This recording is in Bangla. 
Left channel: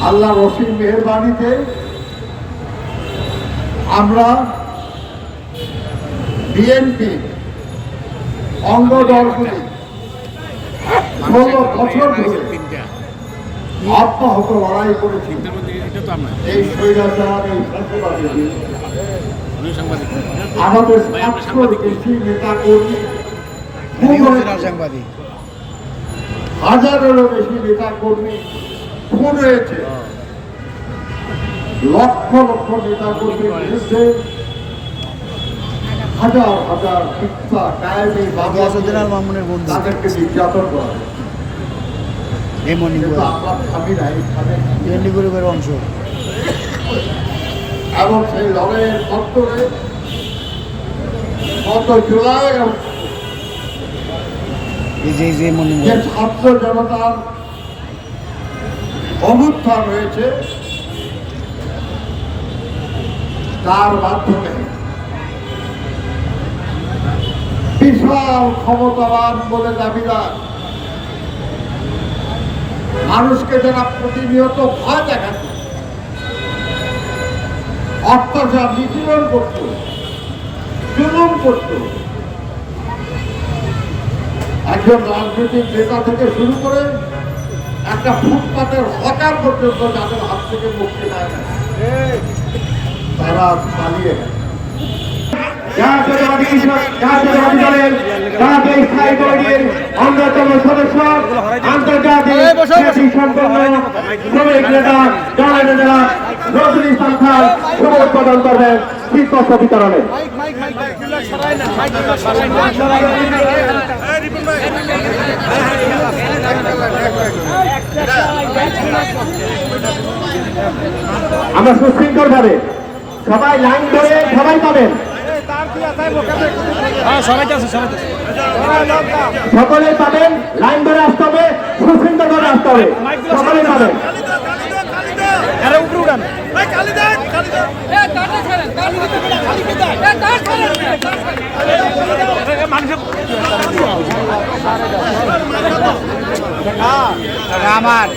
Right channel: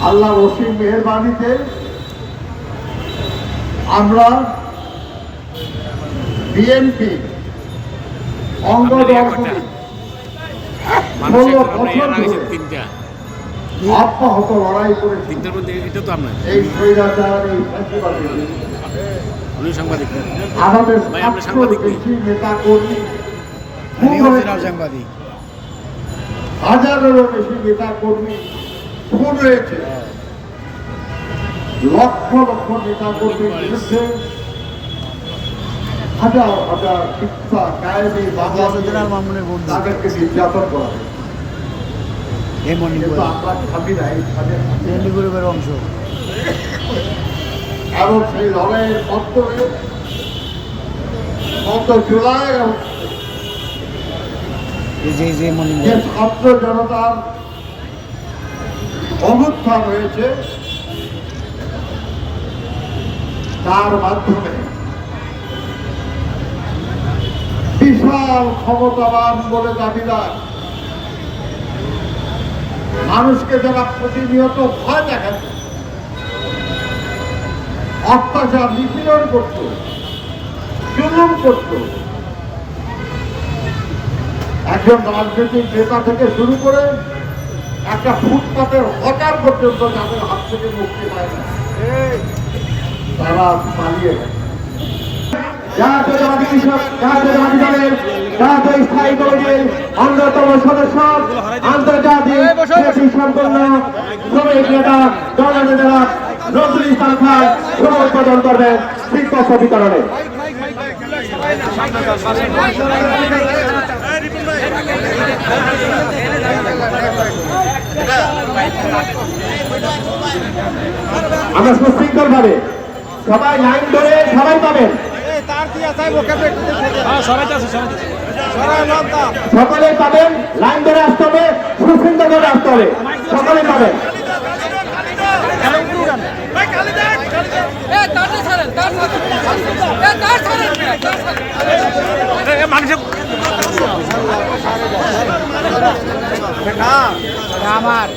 আল্লাহ অসীম মেহরবানিতে আমরা বিএনপি অঙ্গ দলগুলি ষোলো বছর ধরে অব্যাহত লড়াই আমরা এই স্বৈরাচার এই আমাদের সাতশোর বেশি নেতা কর্মী সাংবাদিক। হাজারেরও বেশি নেতা কর্মী খুন হয়েছে লক্ষ লক্ষ নেতা কর্মীর বিরুদ্ধে হাজার হাজার শিক্ষা কায়েমে তাদেরকে নির্যাতন করা অংশ। এবং সেই লড়াইয়ের মধ্যে গত জুলাই এই যে যে মনি যে ছাত্র জনতার অভ্যুত্থান হয়েছে তার মাধ্যমে। বিশাল ক্ষমতাবান বলে দাবিদার। মানুষকে যারা প্রতিনিয়ত ভয় দেখাচ্ছে, অত্যাচার নিপীড়ন করত, জুলুম করত, একজন রাজনৈতিক নেতা থেকে শুরু করে একটা ফুটপাতের হকার পর্যন্ত তাদের হাত থেকে মুক্তি পায় না। তারা পালিয়ে গেছে। জাতীয়তাবাদী কৃষক জাতীয়তাবাদী দলের জাতীয় স্থায়ী কমিটির অন্যতম সদস্য আন্তর্জাতিক খ্যাতি সম্পন্ন শ্রমিক নেতা দলের নেতা নজরুল ইসলাম খান শুভ উদ্বোধন করবেন আমরা সুশৃঙ্খল ভাবে সবাই লাইন ধরে সবাই পাবেন হ্যাঁ সকলেই পাবেন লাইন ধরে আসতে হবে সুশৃঙ্খল ভাবে আসতে হবে সকলেই পাবেন আমার